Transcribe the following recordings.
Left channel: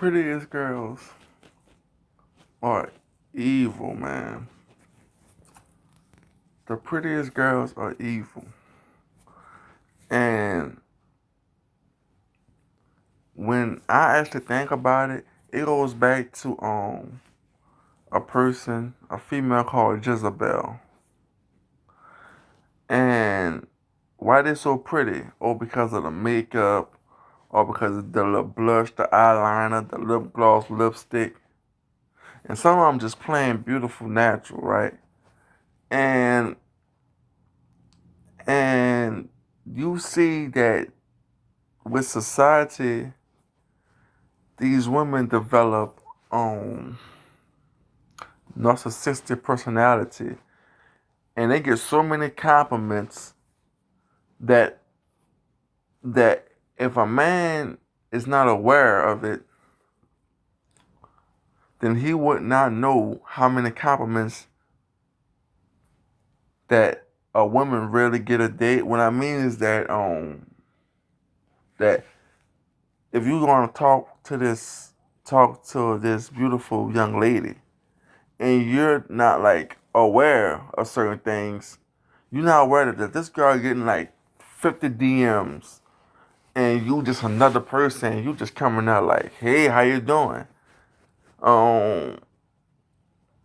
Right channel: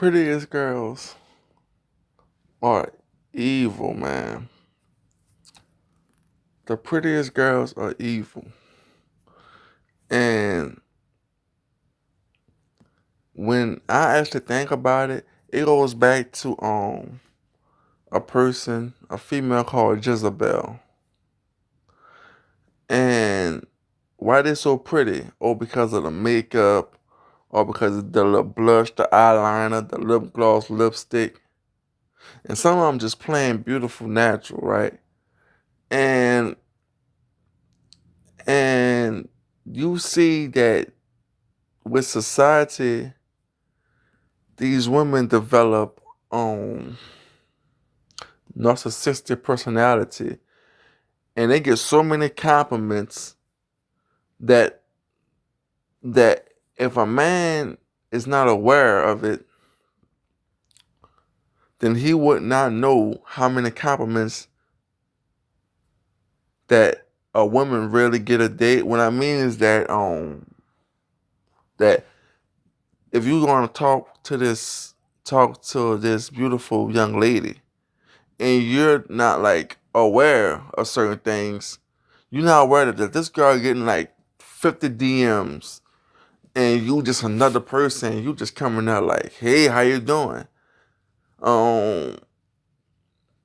prettiest girls are evil, man. The prettiest girls are evil. And when I actually think about it, it goes back to a female called Jezebel. And why they so pretty? Or because of the makeup, or because of the lip blush, the eyeliner, the lip gloss, lipstick. And some of them just plain beautiful natural, right? And and you see that with society, these women develop narcissistic personality, and they get so many compliments that that if a man is not aware of it, then he would not know how many compliments that a woman really get a date. What I mean is that if you're gonna talk to this beautiful young lady and you're not like aware of certain things, you're not aware that this girl getting like 50 DMs and you just another person, you just coming out like, hey, how you doing? Um,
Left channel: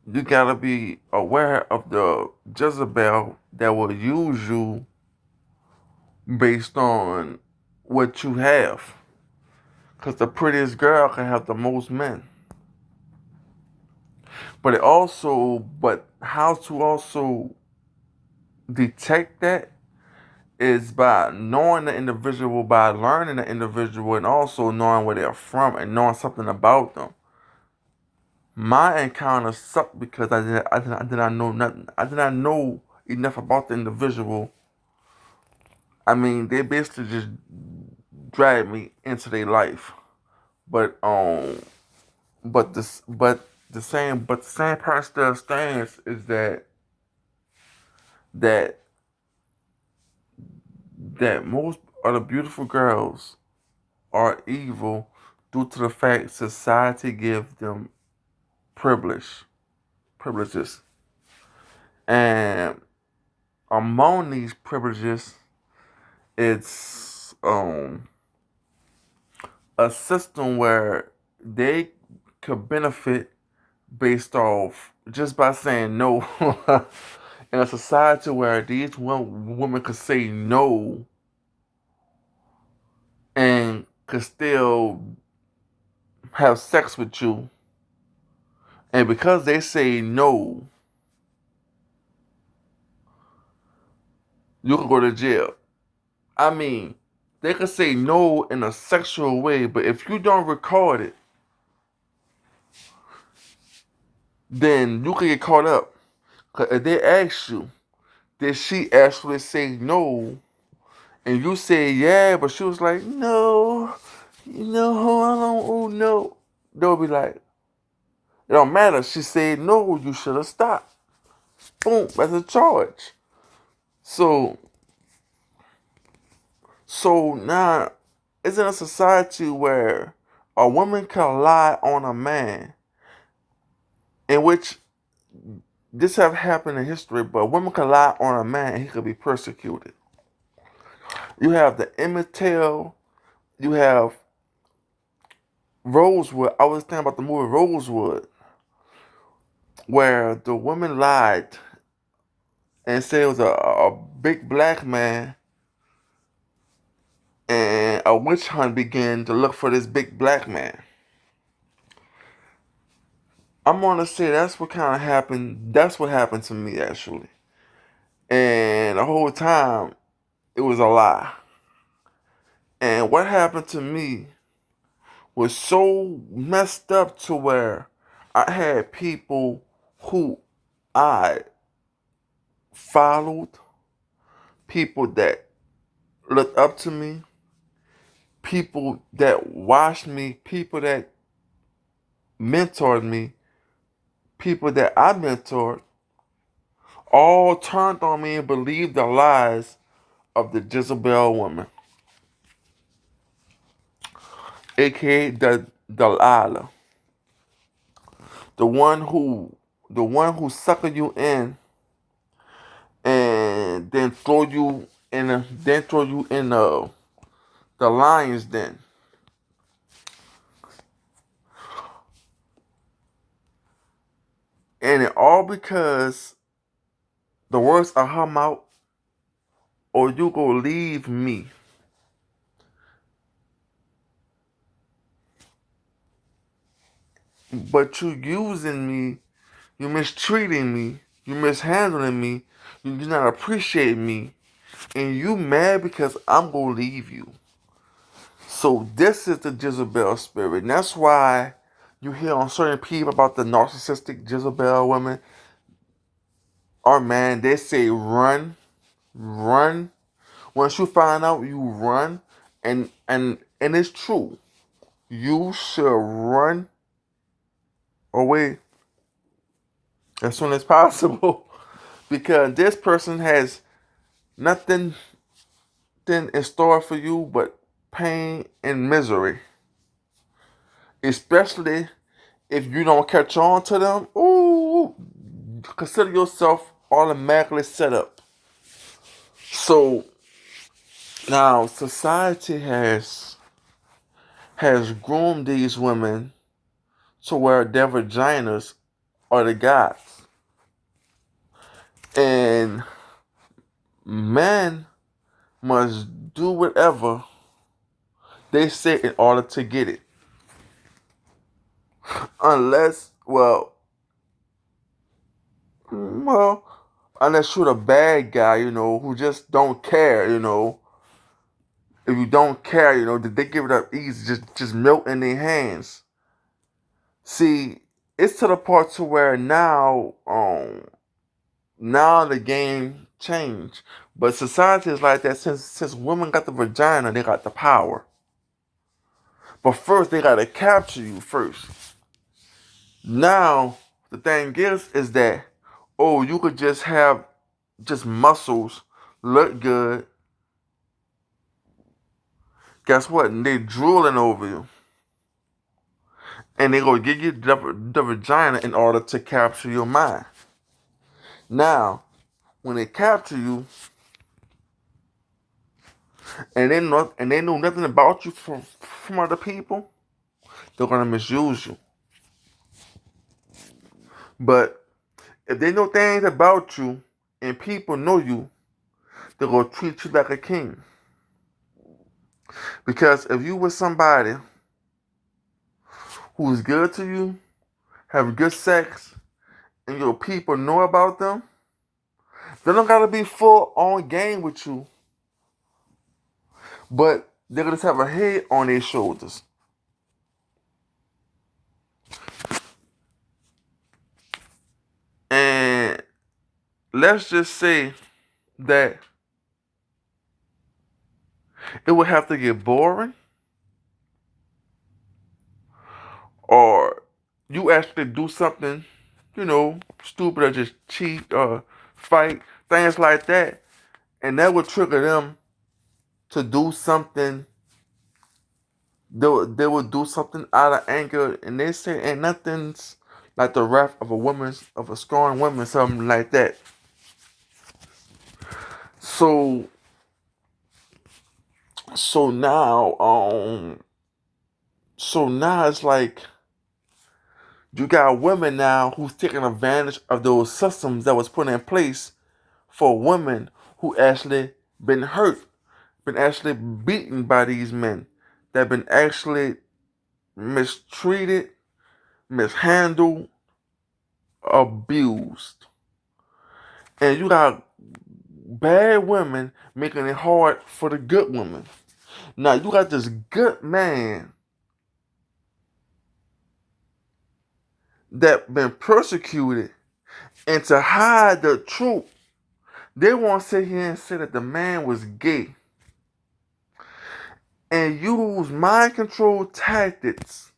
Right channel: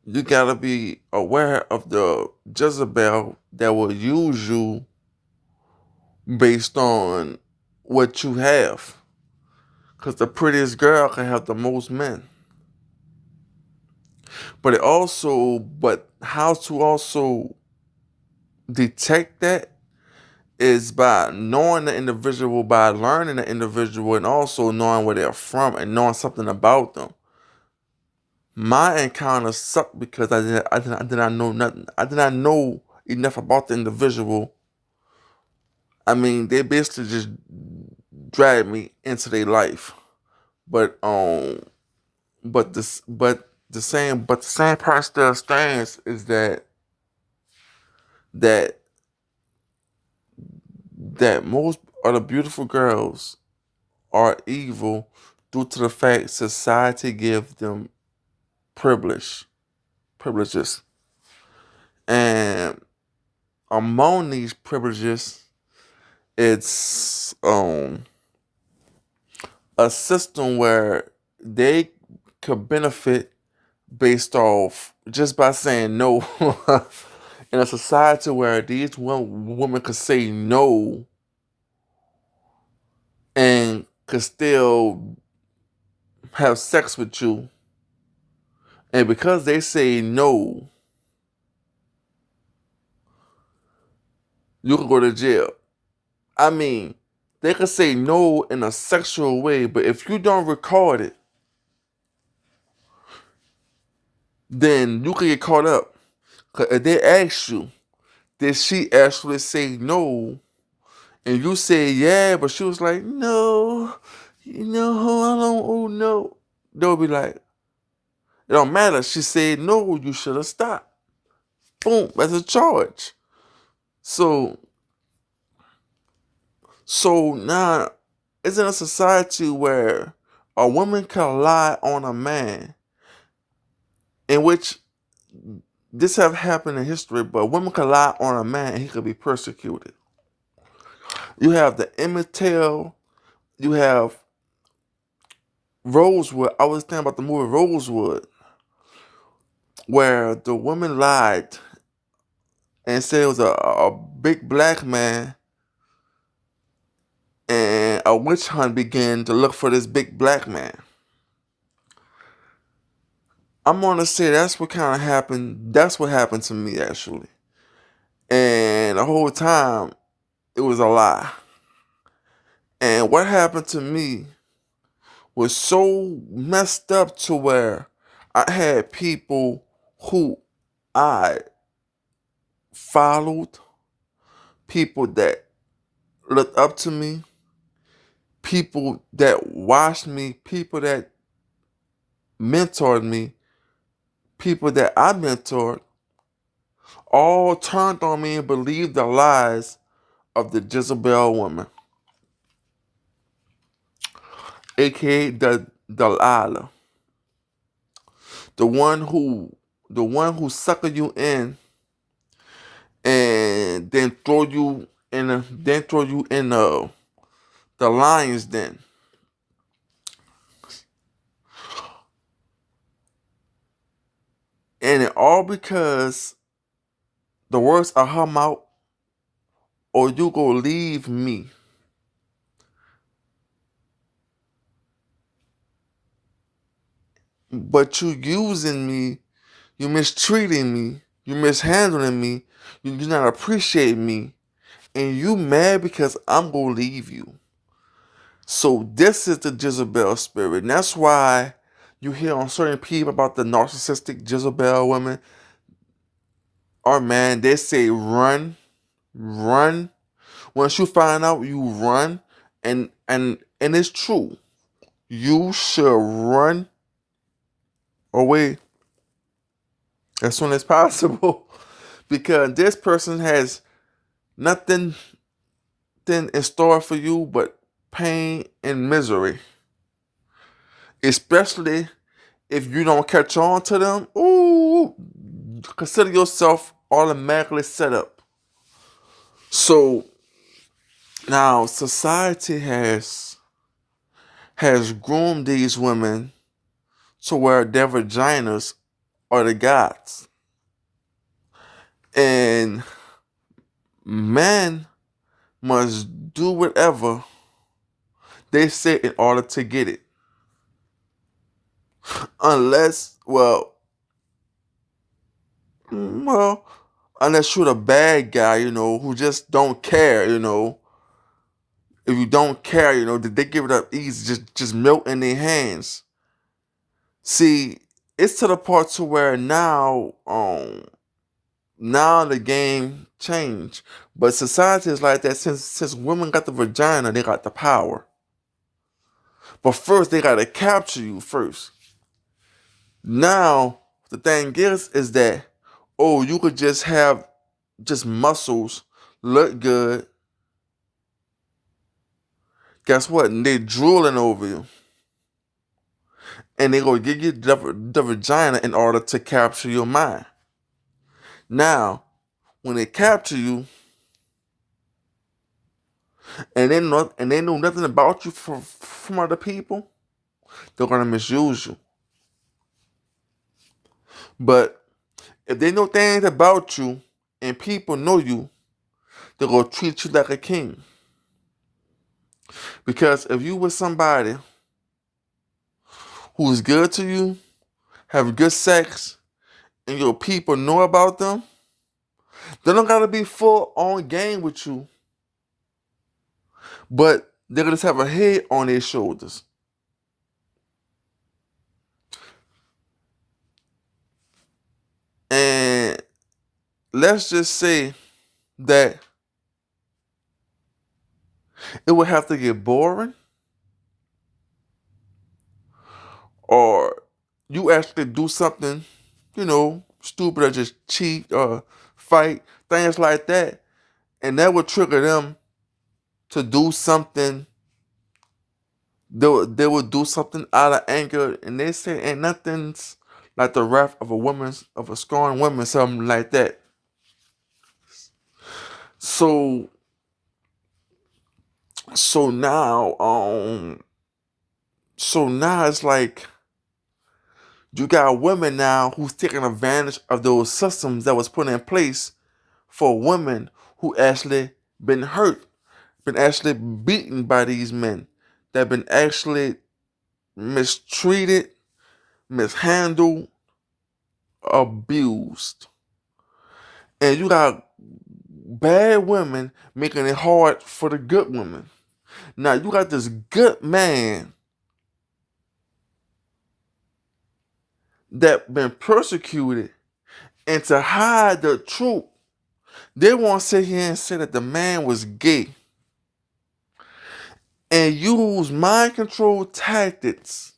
you gotta be aware of the Jezebel that will use you based on what you have. Because the prettiest girl can have the most men. But how to also detect that is by knowing the individual, by learning the individual, and also knowing where they're from and knowing something about them. My encounter sucked because I did not know nothing. I did not know enough about the individual. I mean, they basically just dragged me into their life. But but the same part still stands is that that most of the beautiful girls are evil due to the fact society gives them privileges, and among these privileges, it's a system where they could benefit based off just by saying no. In a society where these women could say no and could still have sex with you, and because they say no, you can go to jail. I mean, they could say no in a sexual way, but if you don't record it, then you can get caught up. Cause if they ask you, did she actually say no? And you say yeah, but she was like, no, I don't, oh no. They'll be like, it don't matter. She said no, you should have stopped. Boom, that's a charge. So now it's in a society where a woman can lie on a man, in which this have happened in history, but a woman can lie on a man and he could be persecuted. You have the Emmett Till, you have Rosewood. I was thinking about the movie Rosewood, where the woman lied and said it was a big black man, and a witch hunt began to look for this big black man. I'm gonna say that's what kind of happened. That's what happened to me actually, and the whole time it was a lie. And what happened to me was so messed up to where I had people who I followed, people that looked up to me, people that watched me, people that mentored me, people that I mentored, all turned on me and believed the lies of the Jezebel woman, aka Delilah, the one who the one who sucker you in and then throw you in the lion's den. And it all because the words of her mouth, or you go leave me. But you using me, you mistreating me, you mishandling me, you do not appreciate me, and you mad because I'm gonna leave you. So this is the Jezebel spirit. And that's why you hear on certain people about the narcissistic Jezebel women. Or man, they say run, run. Once you find out, you run, and it's true. You should run away as soon as possible because this person has nothing in store for you but pain and misery. Especially if you don't catch on to them. Ooh, consider yourself automatically set up. So now society has groomed these women to where their vaginas are the gods. And men must do whatever they say in order to get it. Unless, well, unless you're the bad guy, who just don't care, If you don't care, they give it up easy, just melt in their hands. See, it's to the part to where now the game changed. But society is like that since women got the vagina, they got the power. But first they gotta capture you first. Now the thing is that you could just have just muscles, look good. Guess what? And they drooling over you. And they gonna give you the vagina in order to capture your mind. Now, when they capture you, and they know nothing about you from other people, they're gonna misuse you. But if they know things about you and people know you, they're gonna treat you like a king. Because if you with somebody who's good to you, have good sex, and your people know about them, they don't gotta be full on game with you, but they're gonna just have a head on their shoulders. And let's just say that it would have to get boring, or you actually do something, stupid, or just cheat or fight, things like that, and that would trigger them to do something. They would do something out of anger, and they say, "And nothing's like the wrath of a scorned woman," something like that. So so now um so now it's like you got women now who's taking advantage of those systems that was put in place for women who actually been hurt, been actually beaten by these men, that been actually mistreated, mishandled, abused. And you got bad women making it hard for the good women. Now you got this good man that been persecuted, and to hide the truth, they want to sit here and say that the man was gay and use mind control tactics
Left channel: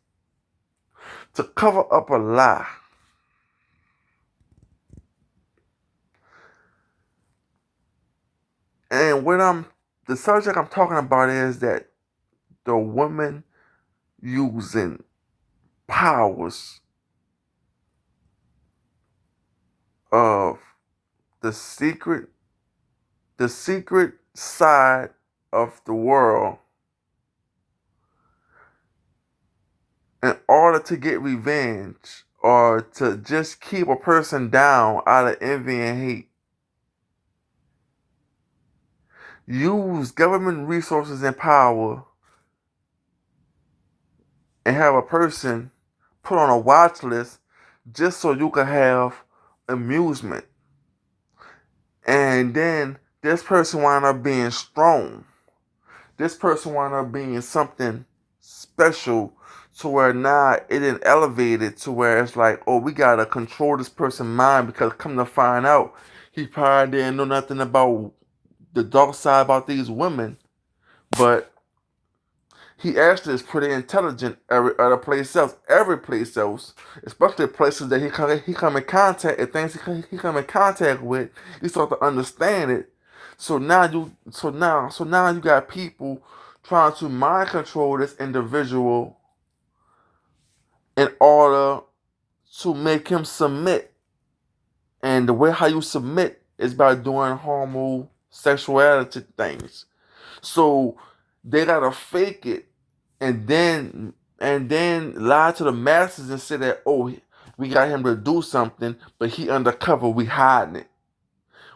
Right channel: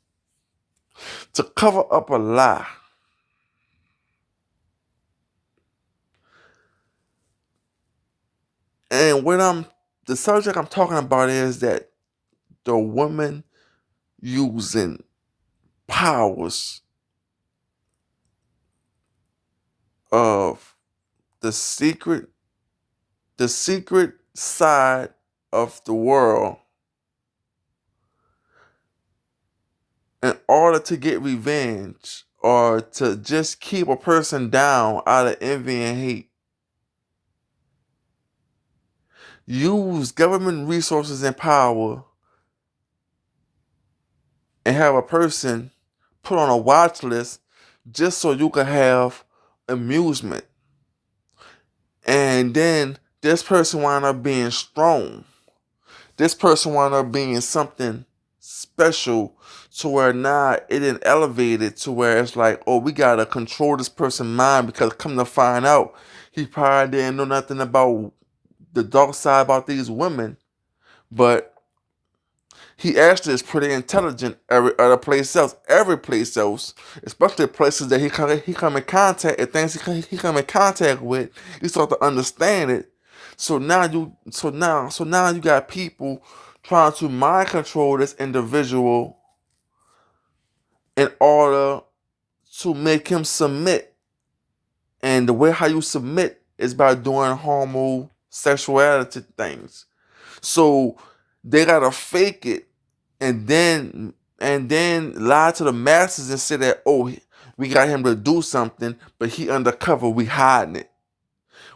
to cover up a lie. And the subject I'm talking about is that the woman using. powers of the secret the secret side of the world in order to get revenge or to just keep a person down out of envy and hate. Use government resources and power and have a person put on a watch list just so you can have amusement. And then this person wind up being strong. This person wind up being something special to where now it didn't elevate it to where it's like, oh, we gotta control this person's mind because come to find out, he probably didn't know nothing about the dark side about these women, but he actually is pretty intelligent at a place else. Every place else, especially places that he come in contact and things he come in contact with, you start to understand it. So now you got people trying to mind control this individual in order to make him submit. And the way how you submit is by doing homosexuality things. So they gotta fake it and then lie to the masses and say that, oh, we got him to do something, but he undercover. We hiding it.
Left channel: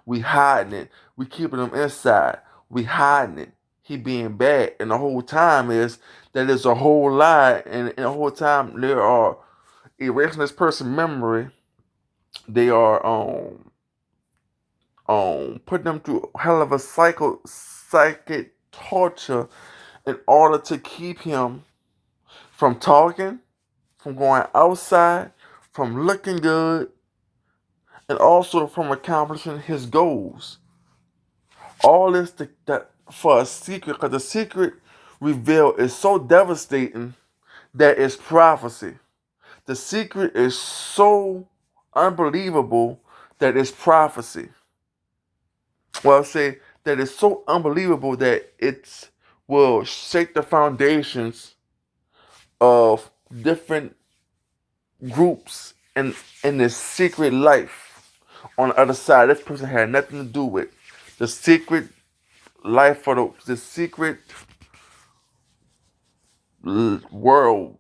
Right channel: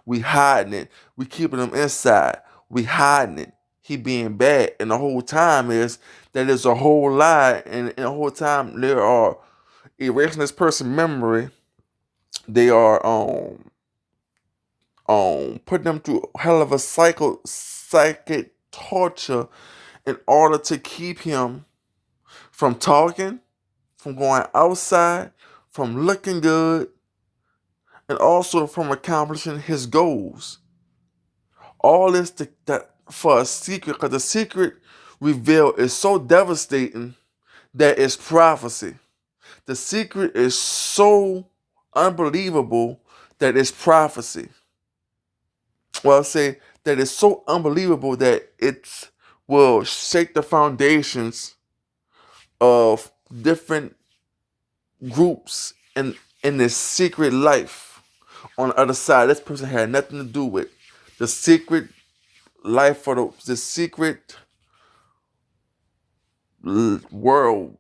We hiding it. We keeping him inside. We hiding it. He being bad, and the whole time is that there's a whole lie, and the whole time they are erasing this person's memory. They are putting them through a hell of a psychic torture in order to keep him from talking, from going outside, from looking good, and also from accomplishing his goals. All this that for a secret, because the secret reveal is so devastating that it's prophecy. The secret is so unbelievable that it's prophecy. Well, I'll say that it's so unbelievable that it will shake the foundations of different groups in this secret life on the other side. This person had nothing to do with the secret life for the secret world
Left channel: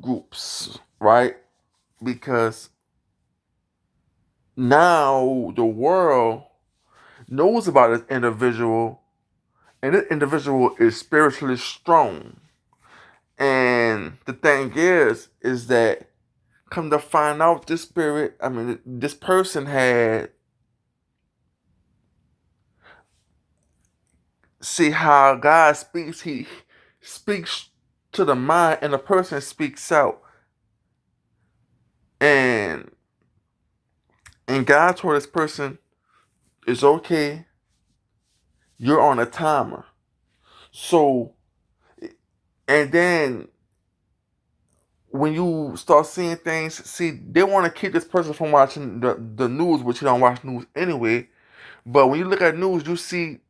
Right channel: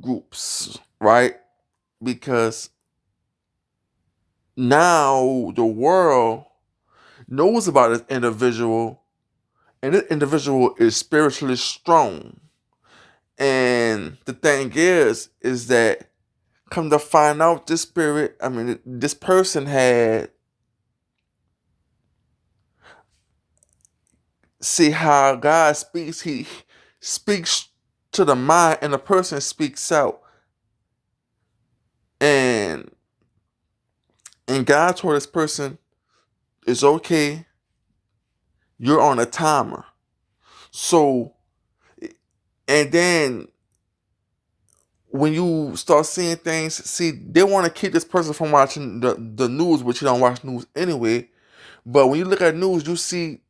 groups, right? Because now the world knows about this individual, and this individual is spiritually strong. And the thing is that come to find out, this person had see how God speaks. He speaks to the mind, and the person speaks out. And God told this person, "It's okay. You're on a timer." So, and then when you start seeing things, see, they want to keep this person from watching the news, which you don't watch news anyway. But when you look at news, you see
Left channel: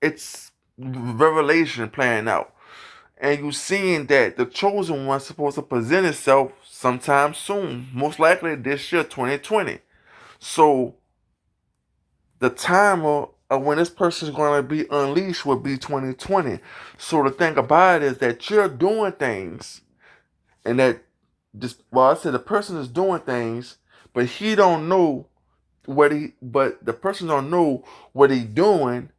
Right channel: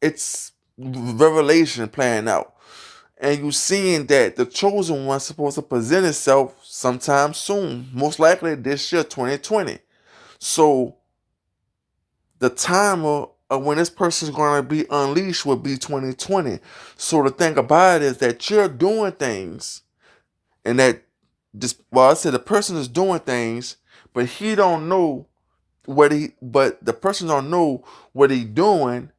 it's revelation playing out. And you seeing that the chosen one's supposed to present itself sometime soon, most likely this year, 2020. So the timer of when this person's going to be unleashed will be 2020. So the thing about it is that you're doing things, and that I said the person is doing things, but he don't know but the person don't know what he doing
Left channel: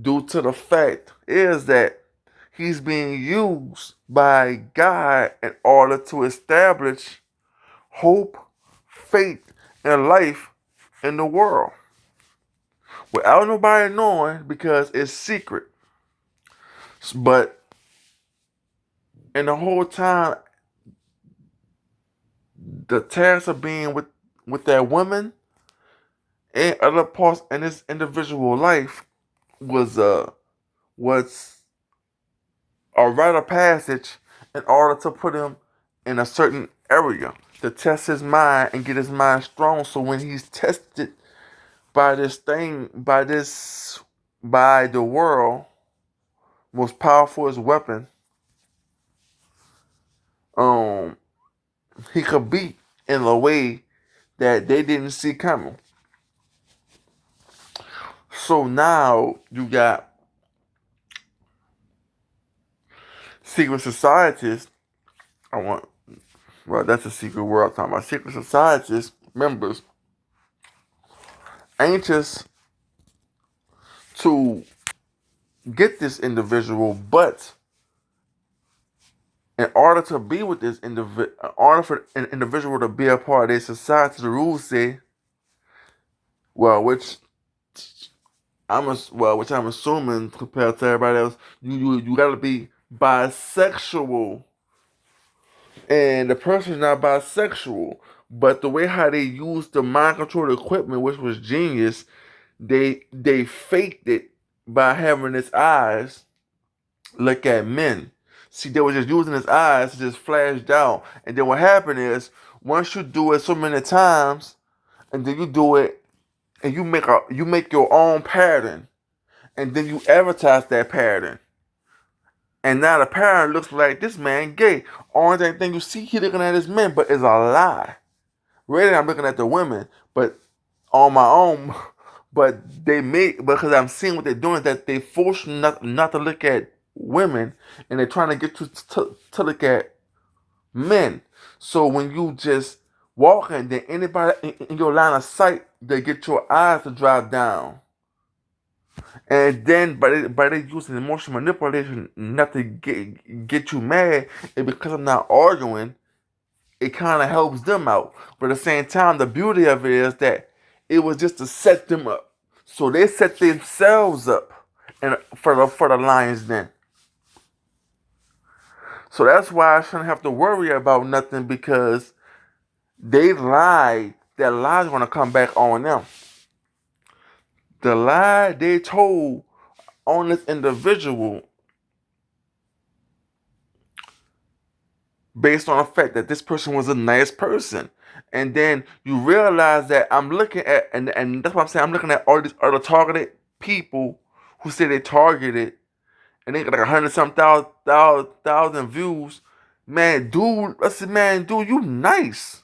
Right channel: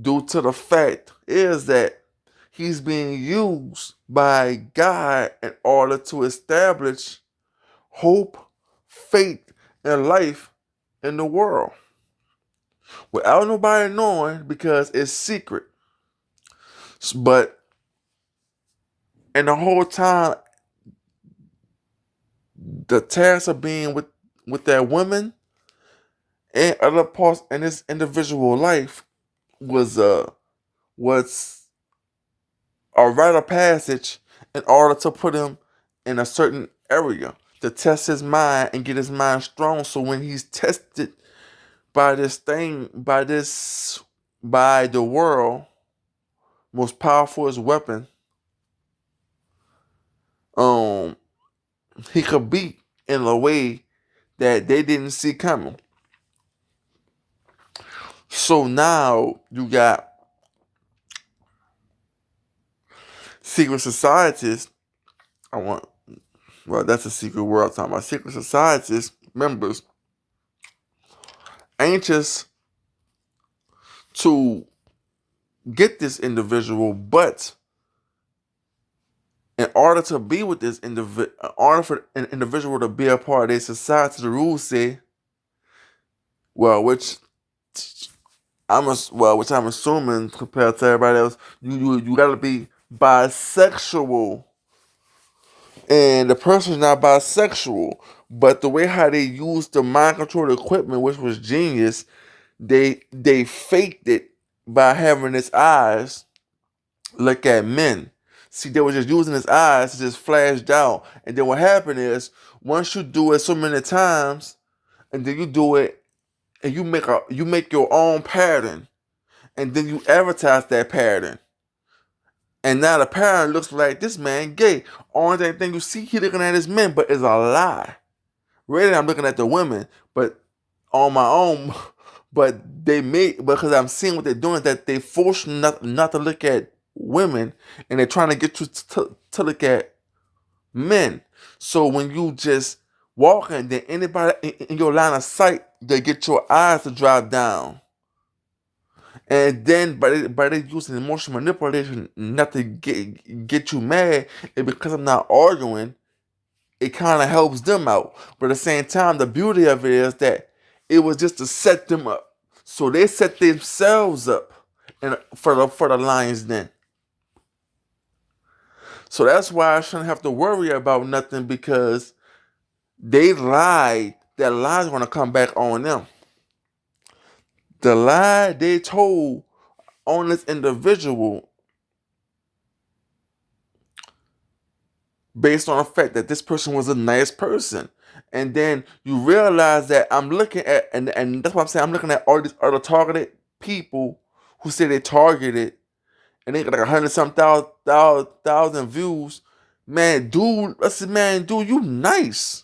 due to the fact is that he's being used by God in order to establish hope, faith, and life in the world without nobody knowing because it's secret. But in the whole time, the task of being with that woman and other parts in this individual life was was a rite of passage in order to put him in a certain area to test his mind and get his mind strong. So when he's tested by this thing, by the world most powerful weapon, um, he could beat in a way that they didn't see coming. So now you got secret societies. I want Well, that's a secret world I'm talking about. Secret societies members anxious to get this individual, but in order to be with this individual, in order for an individual to be a part of their society, the rules say, well, which I'm assuming compared to everybody else, you gotta be bisexual, and the person's not bisexual. But the way how they used the mind control equipment, which was genius, they faked it by having his eyes look at men. See, they were just using his eyes to just flash down. And then what happened is, once you do it so many times, and then you do it, and you make your own pattern, and then you advertise that pattern. And now the pattern looks like this man gay. Only thing you see, he looking at his men, but it's a lie. Really, I'm looking at the women, but on my own. But because I'm seeing what they're doing, that they force you not to look at women, and they're trying to get you to look at men. So when you just walking, then anybody in your line of sight, they get your eyes to drop down. And then by they using emotional manipulation not to get you mad, and because I'm not arguing, it kind of helps them out. But at the same time, the beauty of it is that it was just to set them up. So they set themselves up and for the Lions Den. So that's why I shouldn't have to worry about nothing, because they lied. That lie's gonna come back on them. The lie they told on this individual, based on the fact that this person was a nice person. And then you realize that I'm looking at, and that's what I'm saying, I'm looking at all these other targeted people who say they targeted, and they got like 100 some thousand views. Man, dude, I said, man, dude, you nice.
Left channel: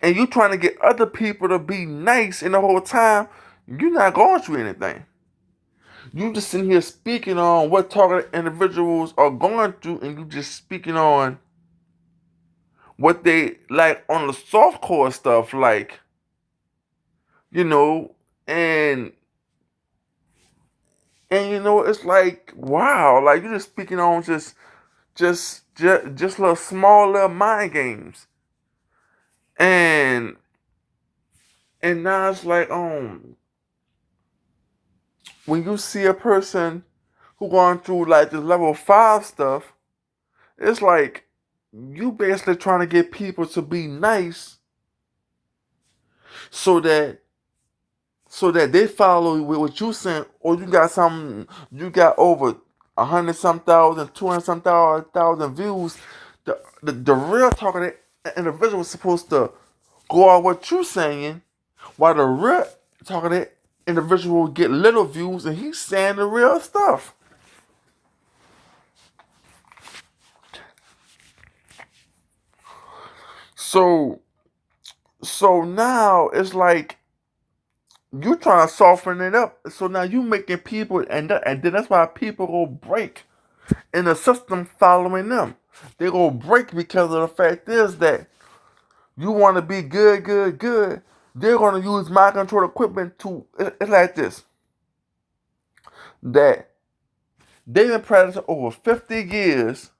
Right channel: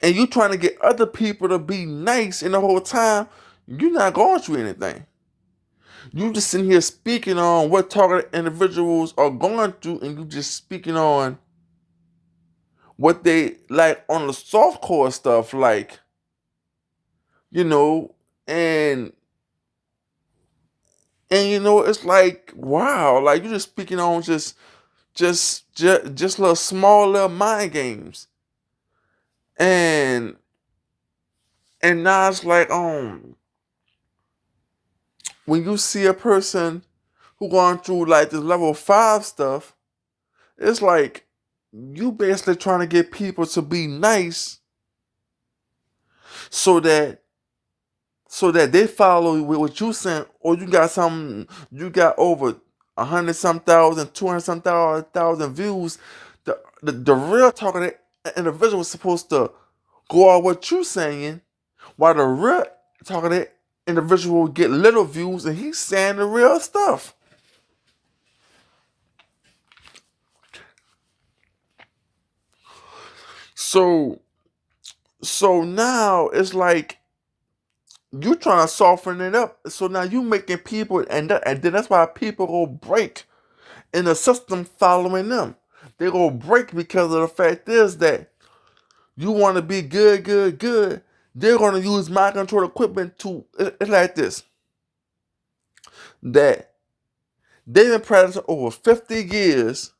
And you trying to get other people to be nice, and the whole time, you're not going through anything. You just sitting here speaking on what targeted individuals are going through, and you just speaking on what they like on the soft core stuff, like, you know, and it's like, wow, like you're just speaking on just little small little mind games, and now it's like, when you see a person who going through like this level 5 stuff, it's like you basically trying to get people to be nice, so that they follow with what you saying, or you got over 100 some thousand, 200 some thousand views. The real talking individual is supposed to go on what you saying, while the real talking individual get little views, and he's saying the real stuff. So now it's like you trying to soften it up. So now you making people, and then that's why people go break in the system following them. They go break because of the fact is that you want to be good, good, good. They're going to use mind control equipment to. It's like this, that they've been practicing over 50 years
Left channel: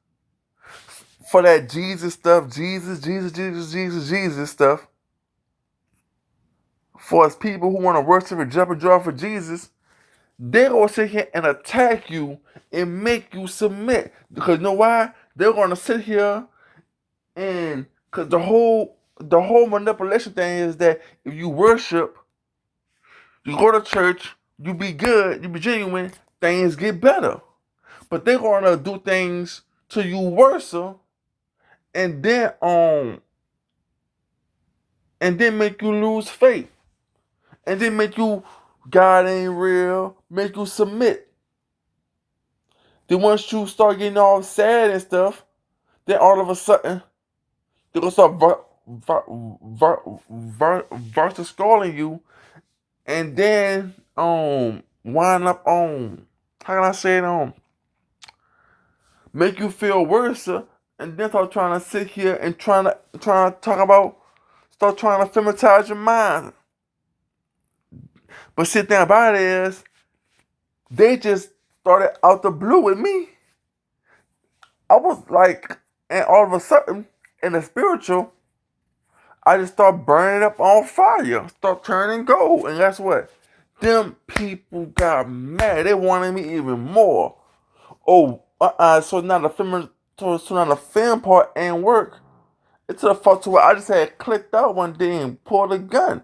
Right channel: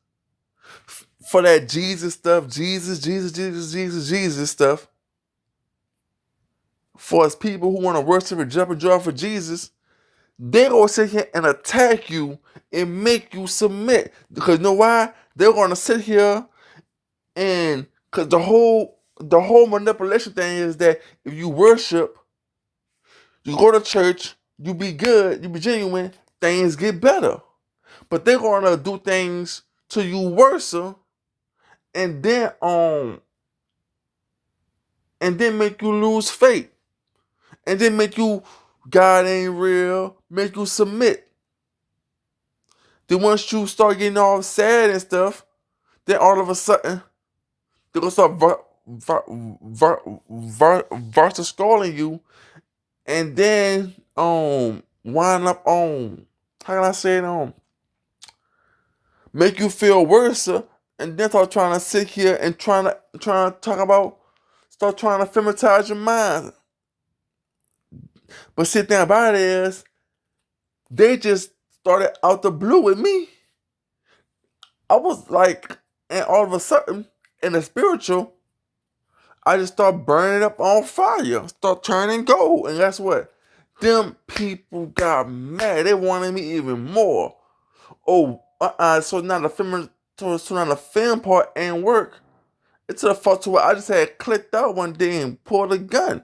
for that Jesus stuff, Jesus stuff. For us people who want to worship and jump and draw for Jesus, they're going to sit here and attack you and make you submit. Because you know why? They're going to sit here, and because the whole manipulation thing is that if you worship, you go to church, you be good, you be genuine, things get better. But they're going to do things to you worse, and then make you lose faith, and then make you, God ain't real, make you submit. Then once you start getting all sad and stuff, then all of a sudden They're gonna start versus scolding you, and then wind up how can I say it, make you feel worse, and then start trying to sit here and trying to talk about, start trying to feminize your mind. But shit thing about it is, they just started out the blue with me. I was like, and all of a sudden, in the spiritual, I just start burning up on fire, start turning gold, and guess what? Them people got mad. They wanted me even more. Oh, so now the so now the film part ain't work. It's to the fault to where I just had clicked out one day and pulled a gun.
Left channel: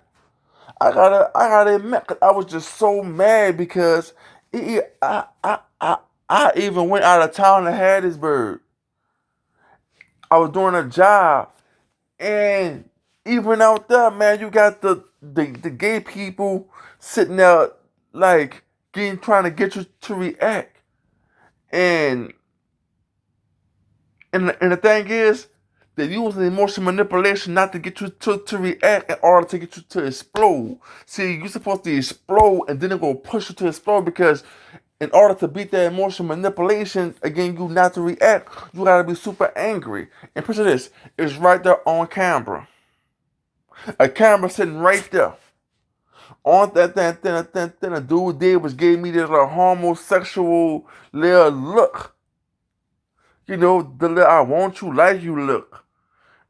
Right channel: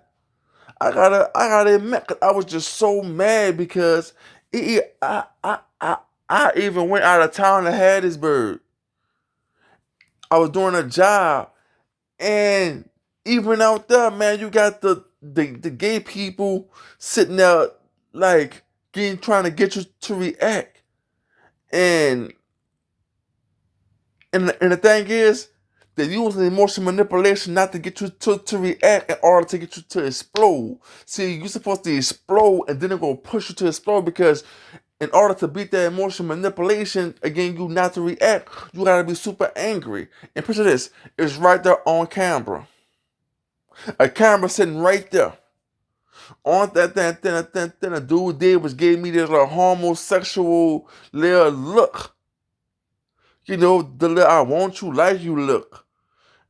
I gotta admit, 'cause I was just so mad because I even went out of town to Hattiesburg. I was doing a job, and even out there, man, you got the gay people sitting there like trying to get you to react, and and the thing is, they use the emotional manipulation not to get you to react in order to get you to explode. See, you're supposed to explode and then they're gonna push you to explode because in order to beat that emotional manipulation, again, you not to react, you gotta be super angry. And picture this, it's right there on camera. A camera sitting right there. On that then a dude did was gave me this little homosexual little look. You know, the little I want you like you look.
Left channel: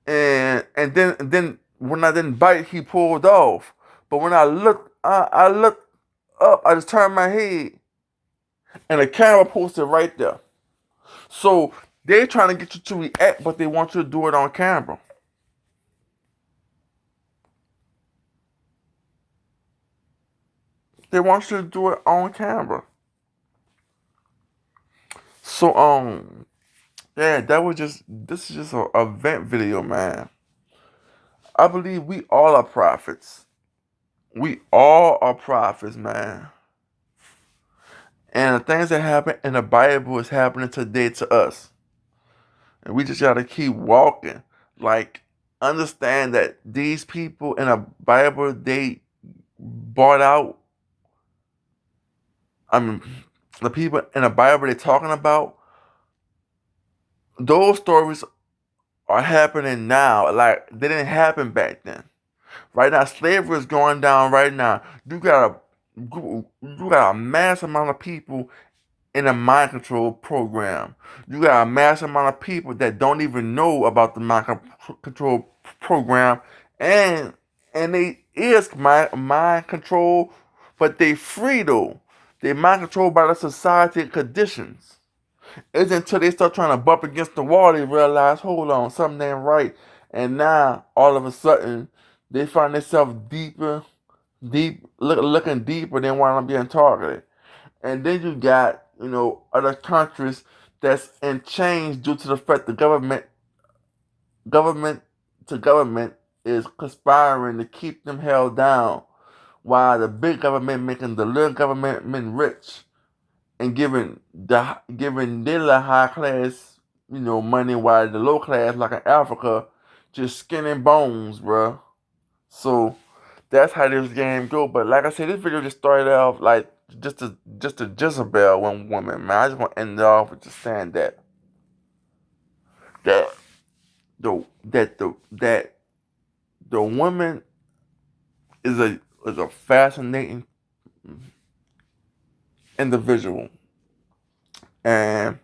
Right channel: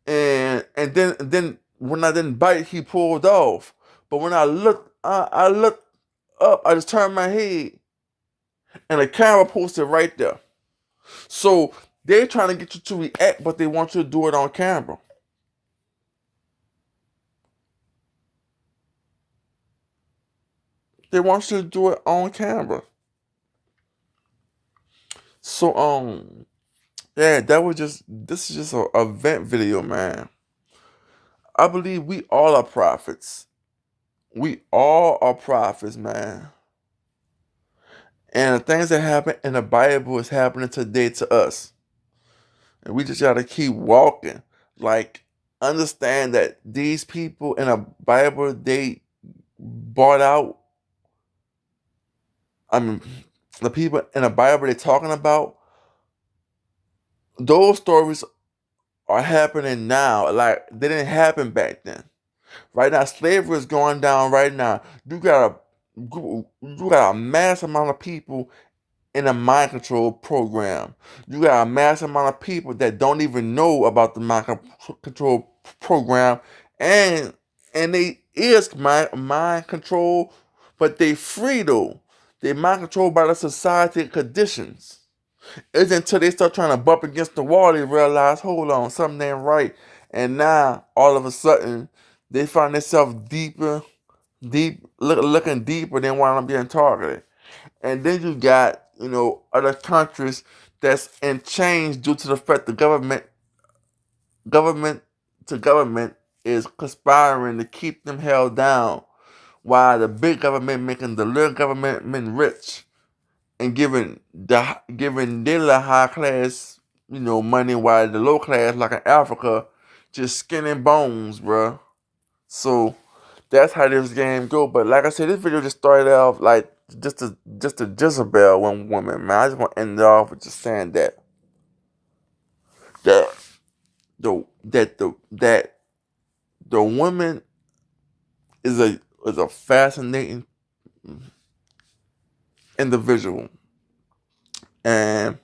And then when I didn't bite, he pulled off. But when I looked up. I just turned my head, and the camera posted right there. So they're trying to get you to react, but they want you to do it on camera. They want you to do it on camera. So yeah, that was just this is just a vent video, man. I believe we all are prophets. We all are prophets, man. And the things that happen in the Bible is happening today to us. And we just gotta keep walking. Like, understand that these people in the Bible, they bought out, I mean, the people in the Bible they're talking about, those stories are happening now. Like, they didn't happen back then. Right now, slavery is going down right now. You got a mass amount of people in a mind control program. You got a mass amount of people that don't even know about the control program, and they is mind control, but they free though. They mind controlled by the society conditions. It's until they start trying to bump against the wall they realize, hold on, something ain't right, and now all of a sudden they find themselves looking deeper than what I'm being targeted. And then you got, other countries that's in change due to the fact the government to government is conspiring to keep them held down, while the big government making the little government men rich and giving their little high class, money, while the low class, like in Africa, just skin and bones, bruh. So that's how this game go. But like I said, this video just started off like just a Jezebel one woman, man. I just want to end it off with just saying that the woman is a fascinating individual, and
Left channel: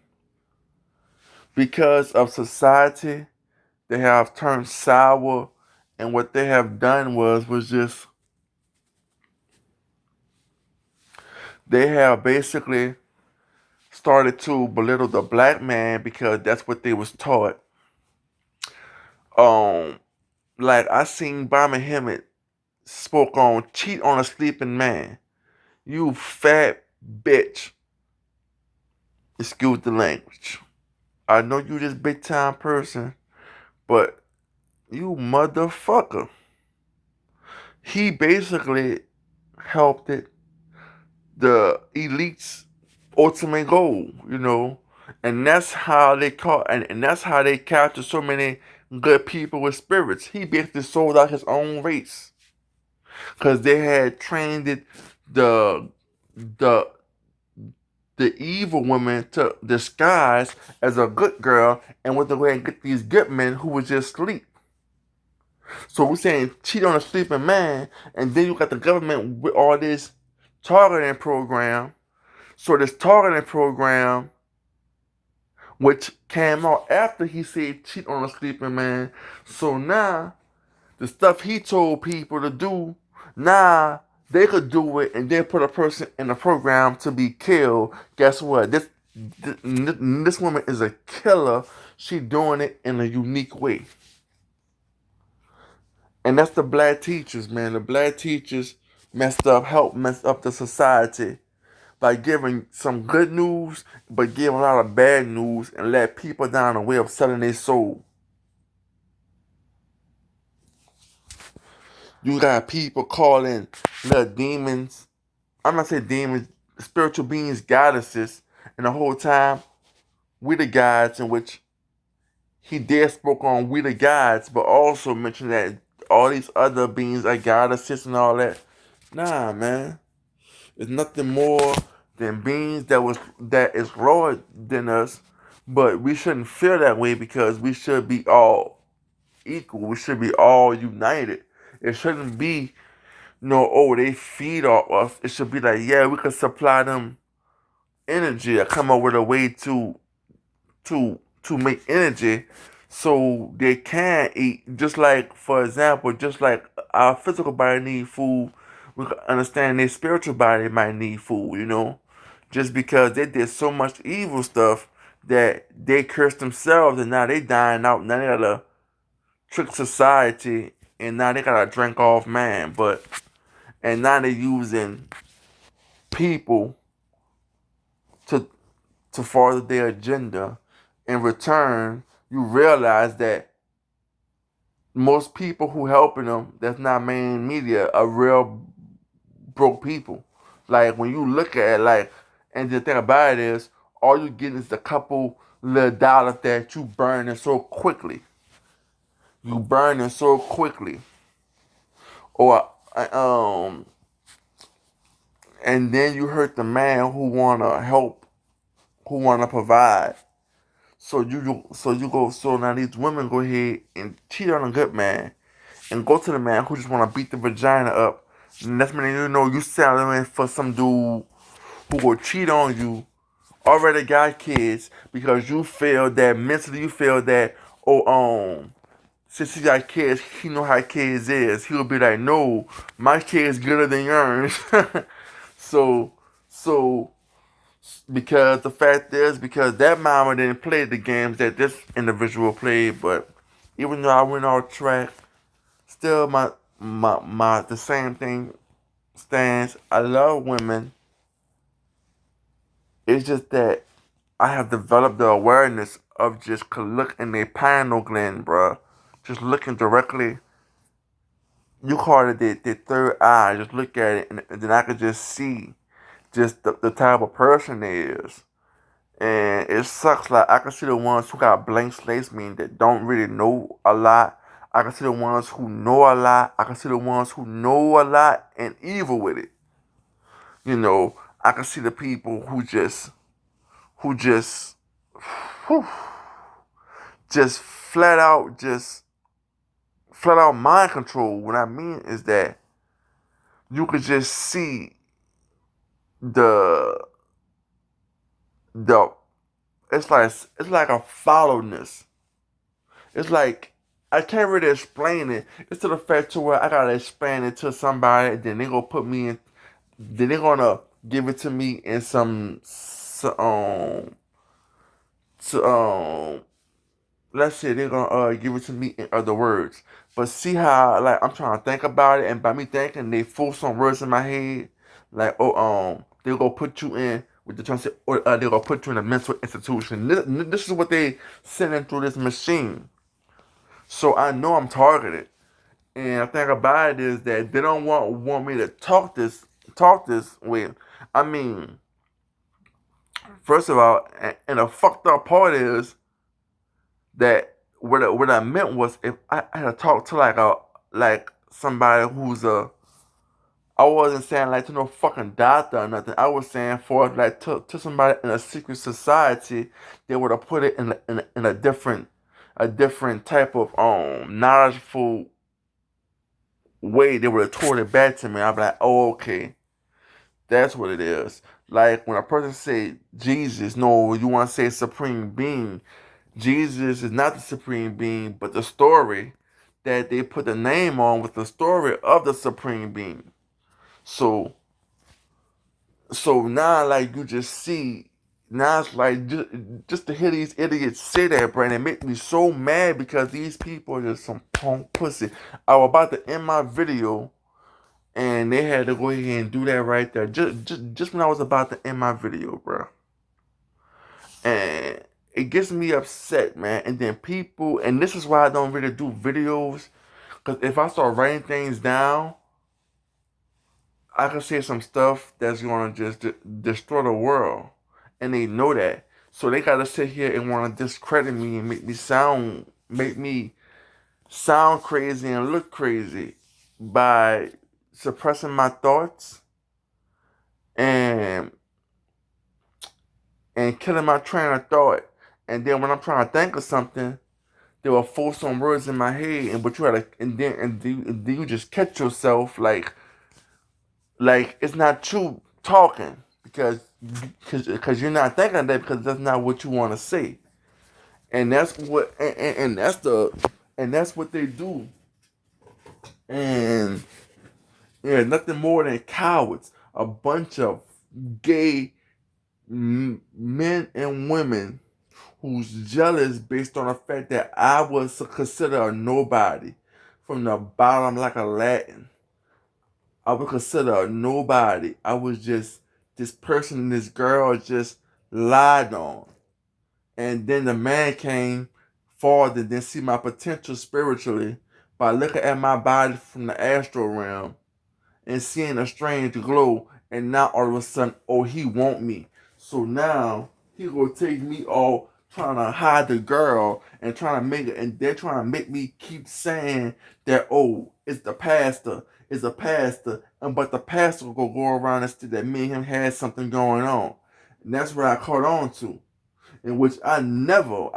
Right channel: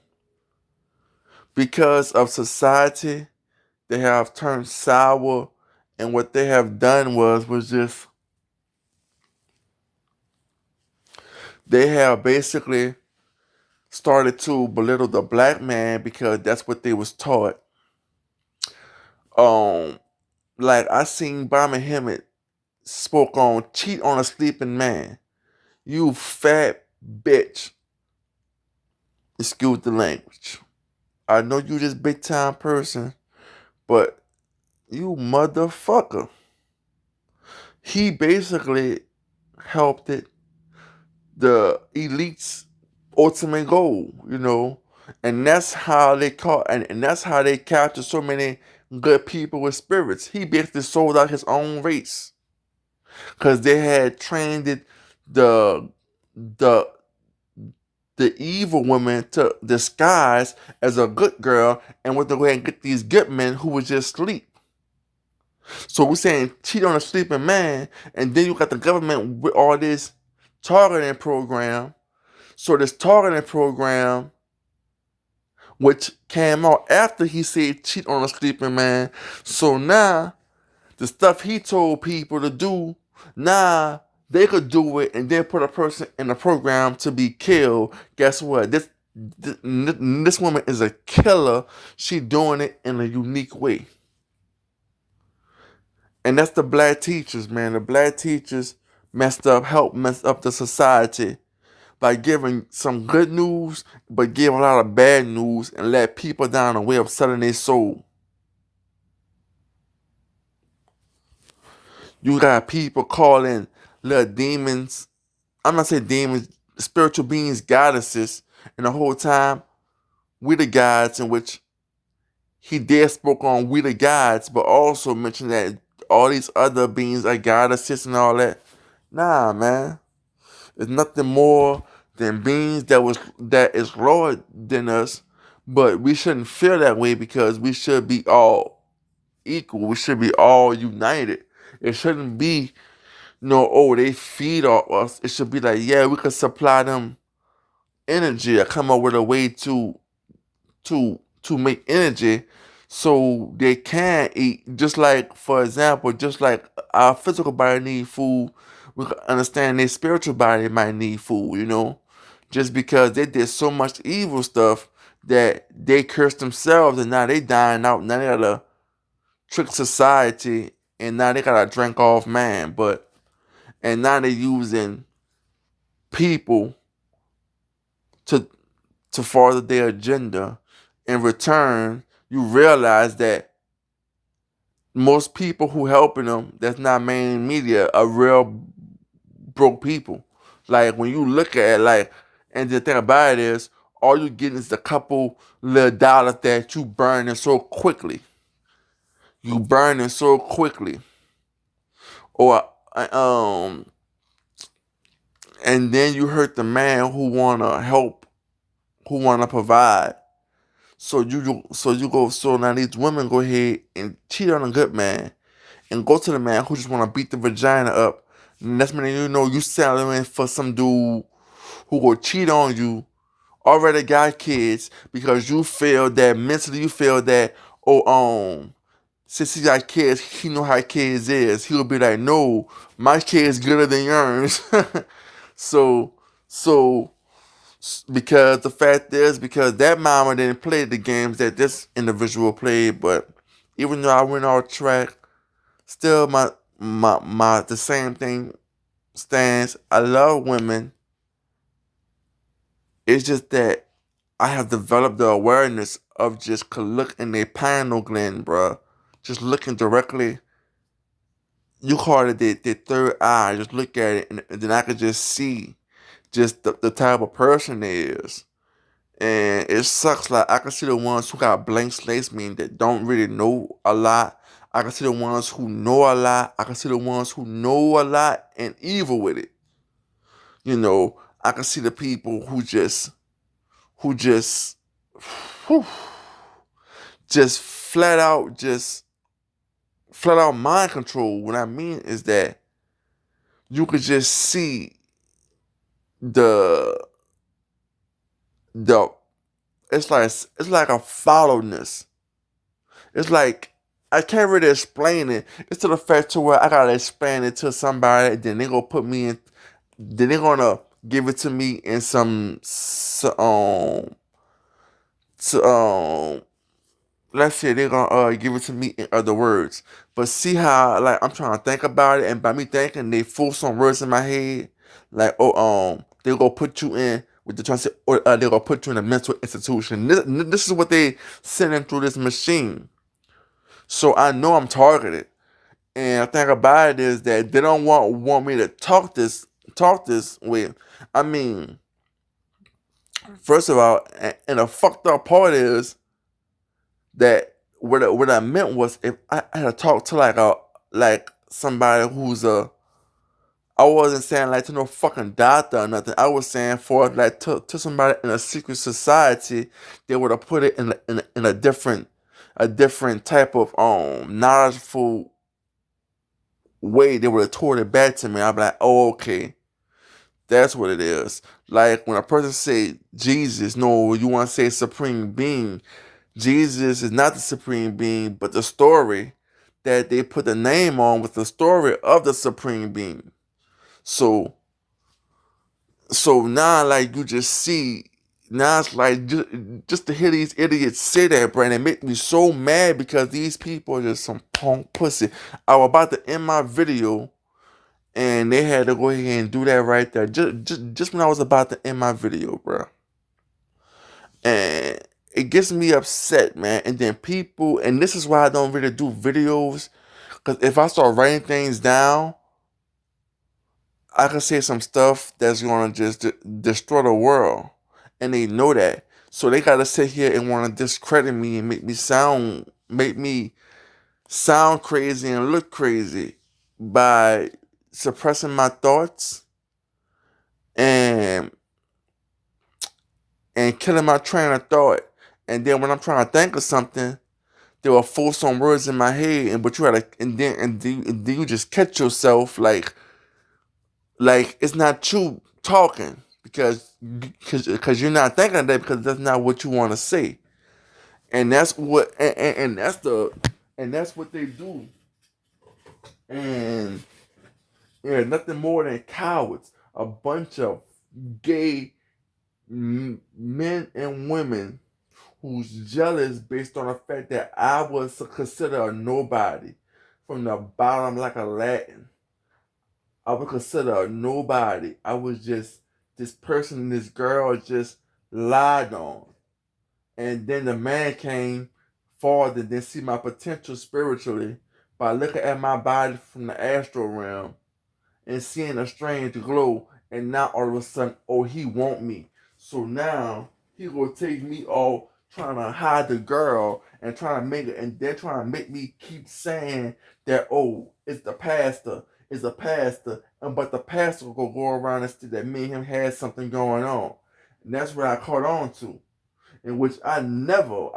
because of society, they have turned sour, and what they have done was just they have basically started to belittle the black man because that's what they was taught. Um, like I seen Bomber Hemmett spoke on cheat on a sleeping man. You fat bitch. Excuse the language. I know you this big time person, but you motherfucker. He basically helped it the elite's ultimate goal, And that's how they caught, and that's how they captured so many good people with spirits. He basically sold out his own race because they had trained it, the the the evil woman to disguise as a good girl and went away and get these good men who was just asleep. So we're saying cheat on a sleeping man, and then you got the government with all this targeting program. So this targeting program, which came out after he said cheat on a sleeping man. So now the stuff he told people to do, now they could do it and then put a person in the program to be killed. Guess what? This woman is a killer. She doing it in a unique way. And that's the black teachers, man. The black teachers helped mess up the society by giving some good news, but giving a lot of bad news and let people down the way of selling their soul. You got people calling the demons, I'm not saying demons, spiritual beings, goddesses, and the whole time we the gods, in which he did spoke on we the gods, but also mentioned that all these other beings are goddesses and all that. Nah, man. It's nothing more than beings that is lower than us, but we shouldn't feel that way because we should be all equal. We should be all united. It shouldn't be no, oh, they feed off us. It should be like, yeah, we could supply them energy or come up with a way to make energy so they can eat. Just like, for example, just like our physical body need food, we can understand their spiritual body might need food, you know? Just because they did so much evil stuff that they cursed themselves and now they dying out. Now they gotta trick society and now they gotta drink off man. And now they're using people to to further their agenda. In return, you realize that most people who helping them, that's not main media, are real broke people. Like when you look at it, like, and the thing about it is, all you getting is a couple little dollars that you burning so quickly. You burning so quickly, or and then you hurt the man who wanna help, who wanna provide. So now these women go ahead and cheat on a good man and go to the man who just want to beat the vagina up. And that's when you know you settling for some dude who will cheat on you. Already got kids because you feel that mentally you feel that, oh, since he got kids, he know how kids is. He'll be like, no, my kid's gooder than yours. so so because the fact is, because that mama didn't play the games that this individual played. But even though I went off track, still my the same thing stands. I love women. It's just that I have developed the awareness of just could look in their pineal gland, bruh. Just looking directly. You call it the third eye. Just look at it, and then I could just see just the type of person it is. And it sucks. Like I can see the ones who got blank slates, meaning that don't really know a lot. I can see the ones who know a lot. I can see the ones who know a lot and evil with it. You know, I can see the people who whew, just flat out mind control. What I mean is that you could just see the the it's like a followness. It's like I can't really explain it. It's to the fact to where I gotta explain it to somebody, then they gonna put me in. Then they gonna give it to me in so, let's say they're gonna give it to me in other words. But see how like I'm trying to think about it, and by me thinking, they fool some words in my head, like they gonna put you in with the transit, or they gonna put you in a mental institution. This is what they sending through this machine. So I know I'm targeted. And the thing about it is that they don't want me to talk this way. I mean, First of all, and the fucked up part is that what I meant was if I had to talk to like somebody who's a I wasn't saying like to no fucking doctor or nothing. I was saying for like to somebody in a secret society, they would have put it in a different type of knowledgeful way. They would have told it back to me. I'd be like, oh okay, that's what it is. Like when a person say Jesus, no, you want to say supreme being. Jesus is not the supreme being, but the story that they put the name on with the story of the supreme being. So now like you just see now it's like just to hear these idiots say that, bro, and it make me so mad because these people are just some punk pussy. I was about to end my video and they had to go ahead and do that right there. Just when I was about to end my video, bro. And it gets me upset, man. And then people, and this is why I don't really do videos, because if I start writing things down, I can say some stuff that's gonna just destroy the world, and they know that. So they gotta sit here and want to discredit me and make me sound crazy and look crazy by suppressing my thoughts and killing my train of thought. And then when I'm trying to think of something, they will force some words in my head, and but you gotta and then you just catch yourself like it's not you talking because you're not thinking of that because that's not what you want to say, and that's what and that's what they do, and yeah, nothing more than cowards, a bunch of gay men and women who's jealous based on the fact that I was considered a nobody from the bottom like a Latin. I would consider a nobody. I was just this person, this girl just lied on. And then the man came forward and then see my potential spiritually by looking at my body from the astral realm and seeing a strange glow. And now all of a sudden, oh, he want me. So now he gonna take me all trying to hide the girl and trying to make it, and they're trying to make me keep saying that, oh, it's the pastor, it's a pastor, and but the pastor will go around and say that me and him had something going on. And that's what I caught on to. In which I never,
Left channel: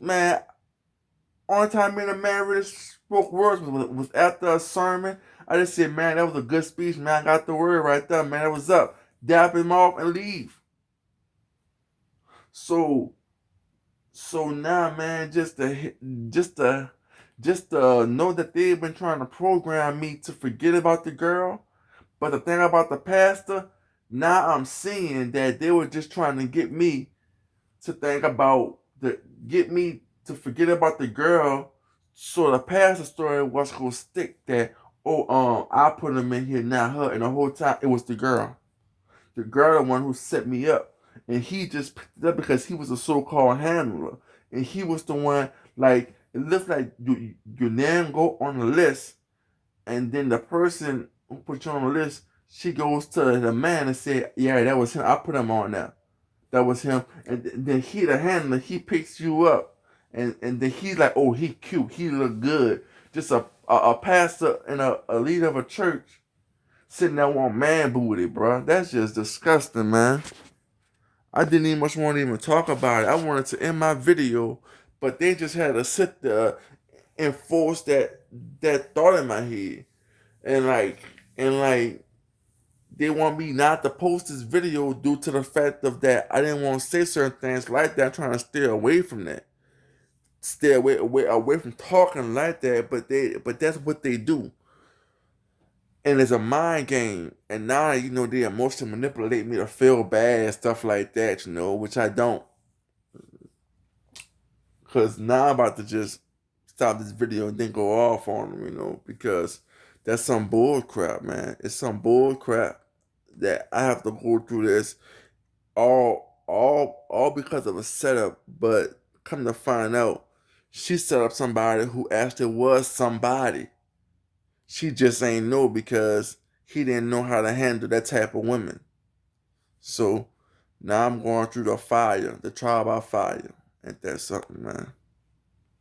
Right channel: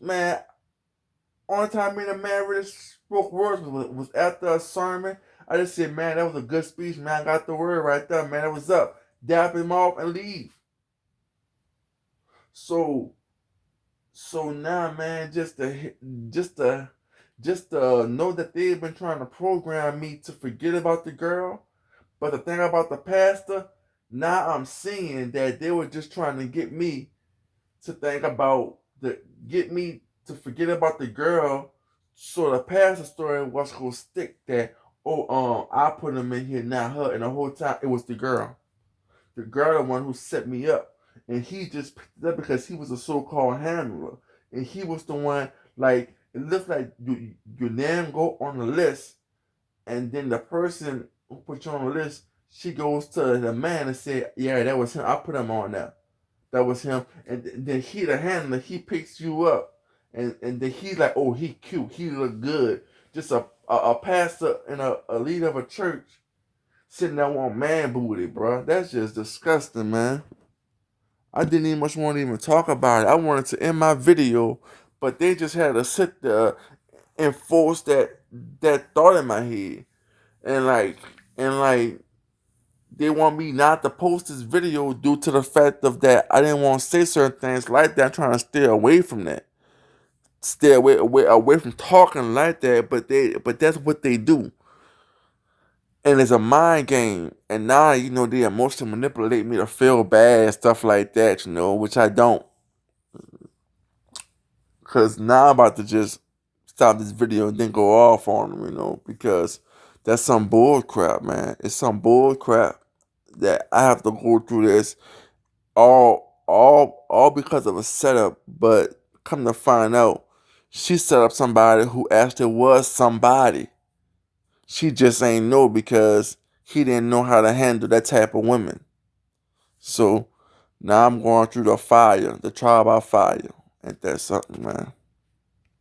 man, only time me and the man really spoke words was after a sermon. I just said, man, that was a good speech, man. I got the word right there, man. That was up. Dap him off and leave. So now, man, just to just to know that they've been trying to program me to forget about the girl. But the thing about the pastor, now I'm seeing that they were just trying to to think about the get me to forget about the girl. So the pastor story was gonna stick that, oh I put him in here, not her, and the whole time it was the girl. The girl the one who set me up. And he just picked it up because he was a so called handler. And he was the one like it looks like your name go on the list, and then the person who put you on the list, she goes to the man and say, yeah, that was him. I put him on there. That was him. And then he, the handler, he picks you up. And then he's like, oh, he cute. He look good. Just a pastor and a leader of a church sitting there on man booty, bro. That's just disgusting, man. I didn't even much want to even talk about it. I wanted to end my video, but they just had to sit there and force that thought in my head. And like they want me not to post this video due to the fact of that I didn't want to say certain things like that. I'm trying to stay away from that. Stay away from talking like that, but that's what they do. And it's a mind game. And now, they emotionally manipulate me to feel bad, stuff like that, which I don't. Cause now I'm about to just stop this video and then go off on them, because that's some bull crap, man. It's some bull crap that I have to go through this all because of a setup, but come to find out, she set up somebody who actually was somebody. She just ain't know because he didn't know how to handle that type of women. So Now I'm going through the fire, the trial by fire. Ain't that something, man?